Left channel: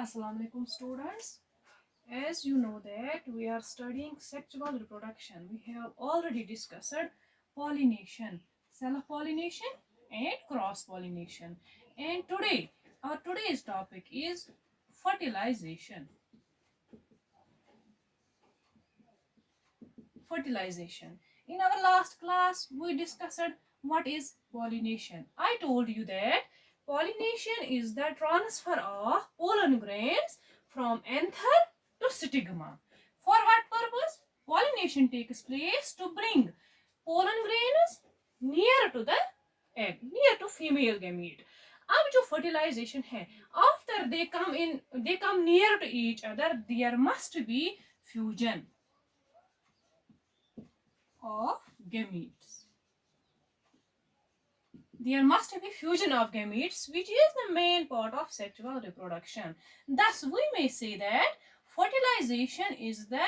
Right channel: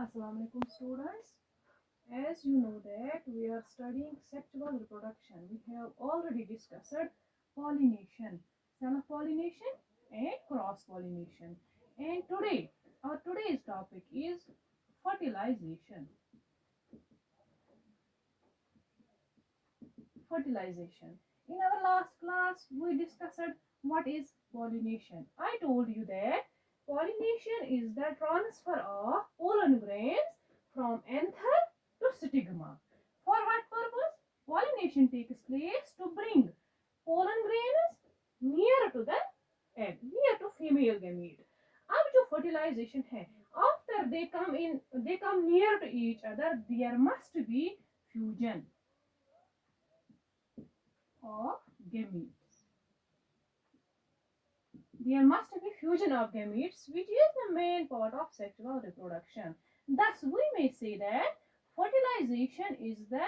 Assalamu alaikum students. As you know that we are studying sexual reproduction. We have already discussed pollination, self-pollination and cross-pollination. And today, our today's topic is fertilization. Fertilization. In our last class, we discussed what is pollination. I told you that pollination is the transfer of pollen grains from anther to stigma. For what purpose? Pollination takes place to bring pollen grains near to the egg, near to female gamete. अब जो fertilization है, after they come near to each other, there must be fusion of gametes. There must be fusion of gametes, which is the main part of sexual reproduction. Thus, we may say that fertilization is the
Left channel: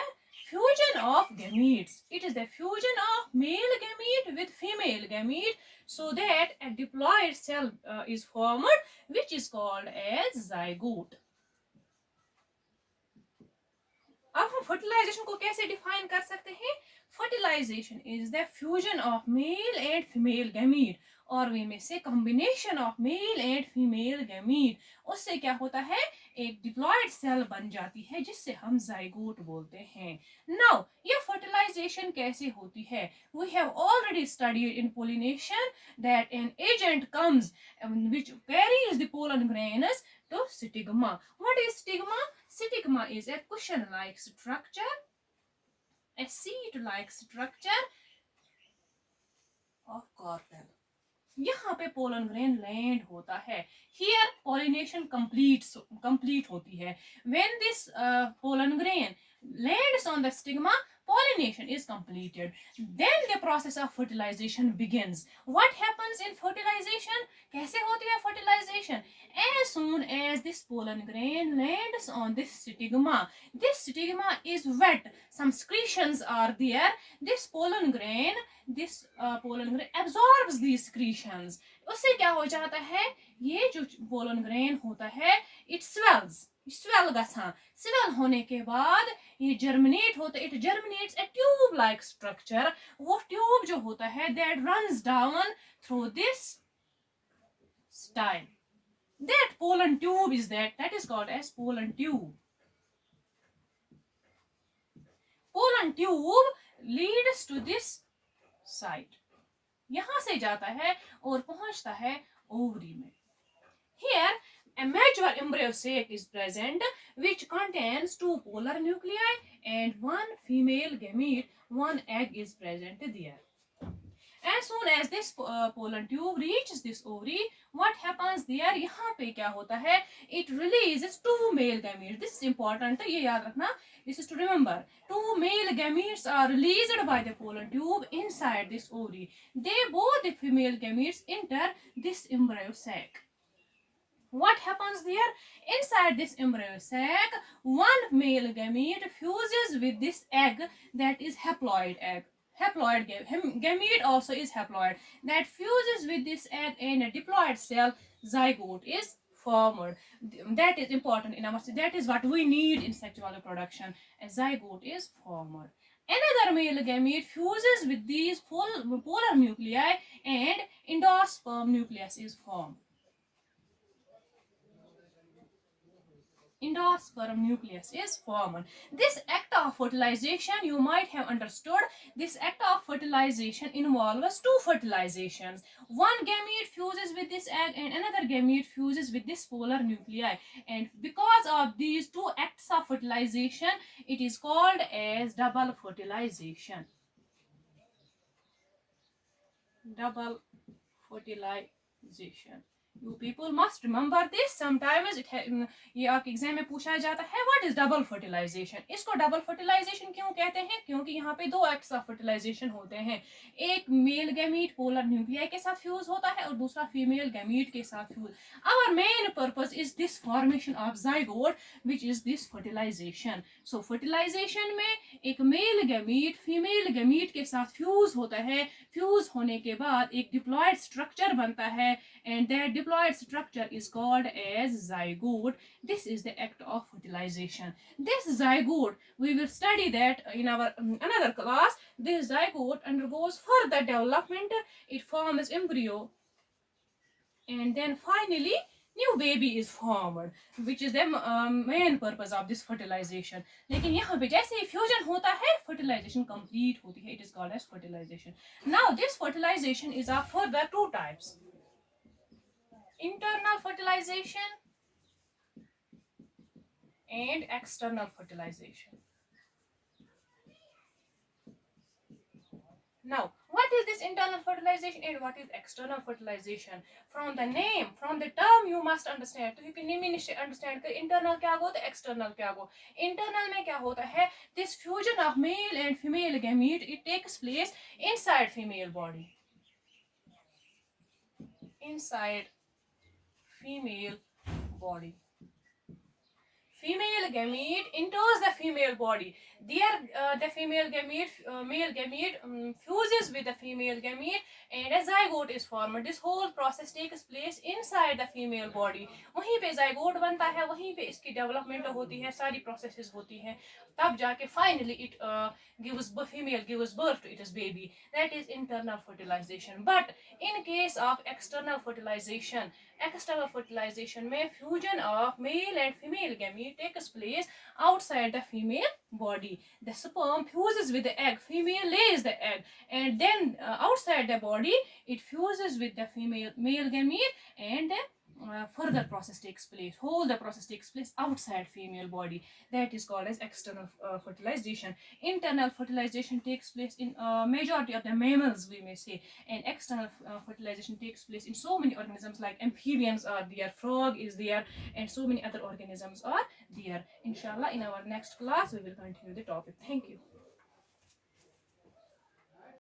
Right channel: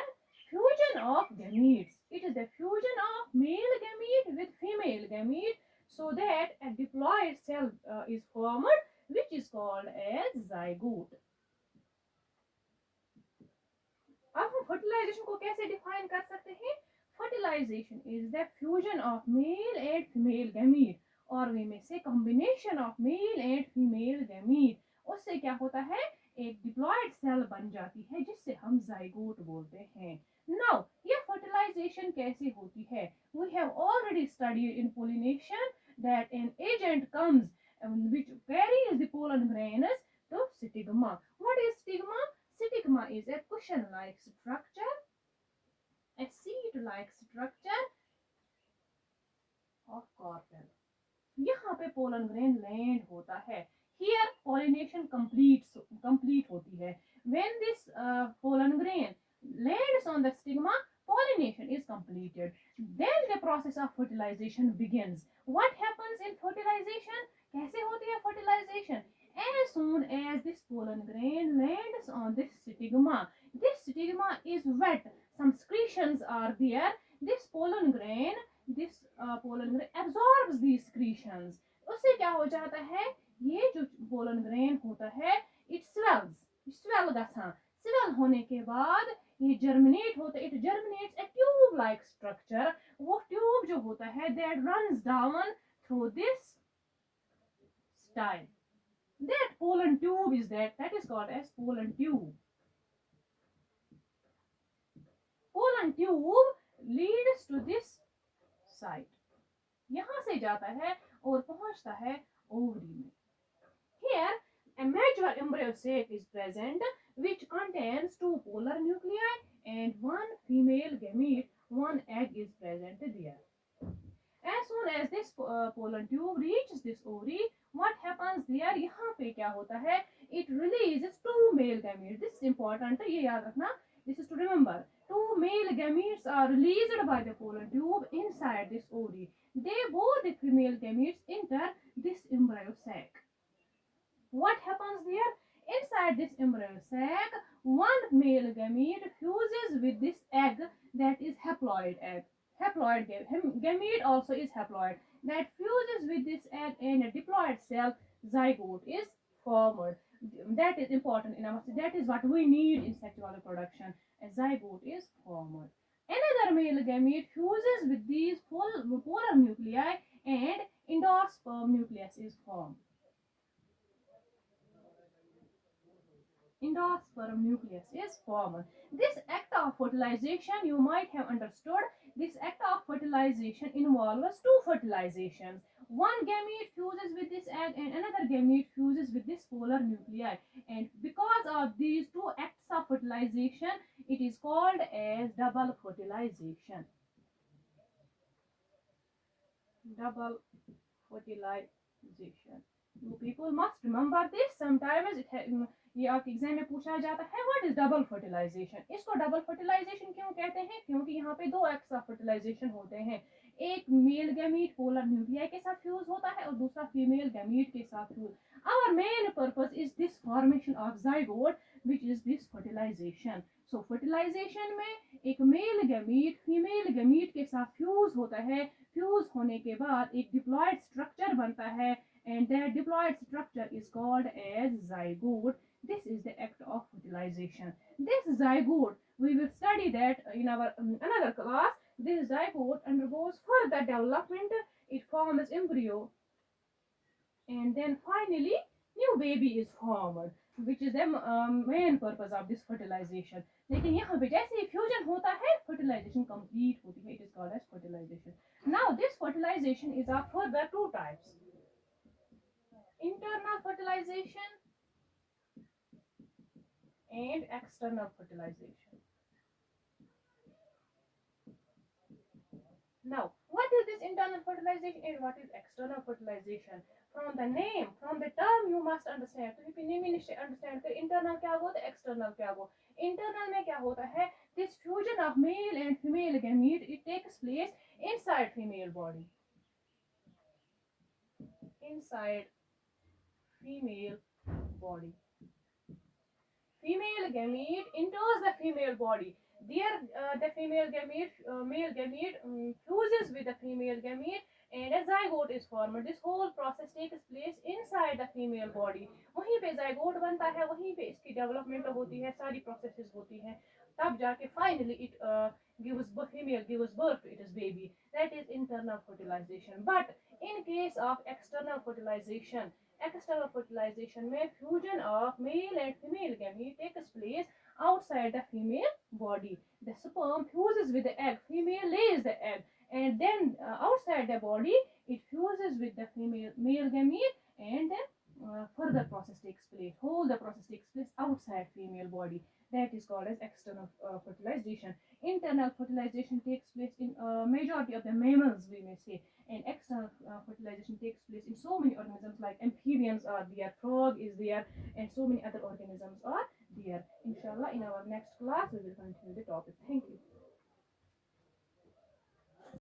fusion of gametes. It is the fusion of male gamete with female gamete so that a diploid cell is formed, which is called as zygote. अब हम fertilisation को कैसे define कर सकते हैं? Fertilisation is the fusion of male and female gamete, और वी में से combination of male and female gamete, उससे क्या होता है, एक डिप्लॉयड सेल बन जाती है जिससे हम जाइगोट बोलते हैं. नाउ ये फर्टिलाइजेशन कैसे होती है? We have already studied in pollination that an agent comes which carries the pollen grains to stigma. What is stigma? Stigma is a cushion-like structure, a seed-like structure of carpel. यहाँ पे pollen grain land होता है. Here pollination complete होती है. When this pollen grain lands on the stigma, pollination is completed. Then the process of fertilization begins. What happens in fertilization? कैसे होती है fertilization? As soon as this pollen grain lands on this stigma is wet. Some secretions are there. This pollen grain absorbs these secretions. उससे क्या हो जाता है? ये जो pollen grain होता है, it swells. स्वेल गसान. स्वेल होने के बाद ये जर्मिनेट होता है. It germinates A tube like structure. वो ट्यूब जो होता है that runs down through this style. That pollen tube is that is called as pollen tube. Pollen tube leads to this site. यहाँ से जाता है और पहुंचता है ओवरी में. Here a mature embryo sac is present which contains two polar nuclei and one female gamete. One egg is present there. As soon as this pollen tube reaches this ovary, what happens there? यहाँ पे क्या होता है? It releases two male gametes. This is important. ये याद रखना. This is to remember. Two male gametes are released by the pollen tube inside this ovary. Both the female gametes enter this embryo sac. What happens there? Inside this embryo sac, one male gamete fuses with this egg that is haploid egg. Haploid gamete also is haploid. That fuses with this egg in a diploid cell, zygote is formed. That is important in our, that is what we need in sexual reproduction. A zygote is formed. Another male gamete fuses with these polar nuclei and endosperm nucleus is formed. Endosperm nucleus is formed. This act of fertilization, you might have understood, this act of fertilization involves two fertilizations. One gamete fuses with this egg and another gamete fuses with this polar nuclei. And because of these two acts of fertilization, it is called as double fertilization. Double fertilization. You people must remember this. Sometimes ये आपके exam में पूछा जाता है what is double fertilisation. इसको double fertilisation क्यों कहते हैं? क्योंकि यहाँ पे दो एक्ट्स ऑफ फर्टिलाइजेशन होते हैं. एक मेल गैमीट पोलर न्यूक्लियाई के साथ फ्यूज होता है और दूसरा फीमेल गैमीट के साथ fuse. Our main purpose is this formation of zygote which is this fertilisation. So fertilisation में एक मेल गैमीट फीमेल गैमीट के साथ फ्यूज होता है. फ्यूज होने के बाद एक डिप्लॉयड स्ट्रक्चर बनता है and their diploid structure is called as zygote. This is the act of fertilization. This zygote, we will study that in our another class. This zygote undergoes further development. It forms embryo, and then finally new baby is formed, which is the main purpose of this fertilization. लेकिन यहाँ पे जैसे ही fusion होता है fertilization complete होती है. It is called as fertilization. Now this fertilization is of further two types: internal fertilization and external fertilization. Now, what is this internal fertilization and what is external fertilization? From the name, from the term, you must understand. तो you name understand कि internal क्या होगा तो external क्या होगा. Internal में क्या होता है? This fusion of male and female gamete, it takes place inside female body. Inside female body. Female gamete enters the female body. There, the female gamete, male gamete fuses with the female gamete, and a zygote is formed. This whole process takes place inside the female body. वहीं पे zygote बनता है, वहीं पे इसकी development होती है, सारी processes होती हैं. तब जाके finally it female gives birth to its baby. That is internal fertilization. But in case of external fertilization में fusion of male and female gamete takes place outside the female body. The sperm fuses with the egg, female lays the egg, and then outside the body it fuses with the male gamete, and further process takes place. Whole the process takes place outside female body. That is called as external fertilization. Internal fertilization takes place in majority of the mammals, we may say, and external fertilization takes place in so many organisms like amphibians are there, frog is there, and so many other organisms are there. Inshallah, in our next class we will continue the topic. Thank you.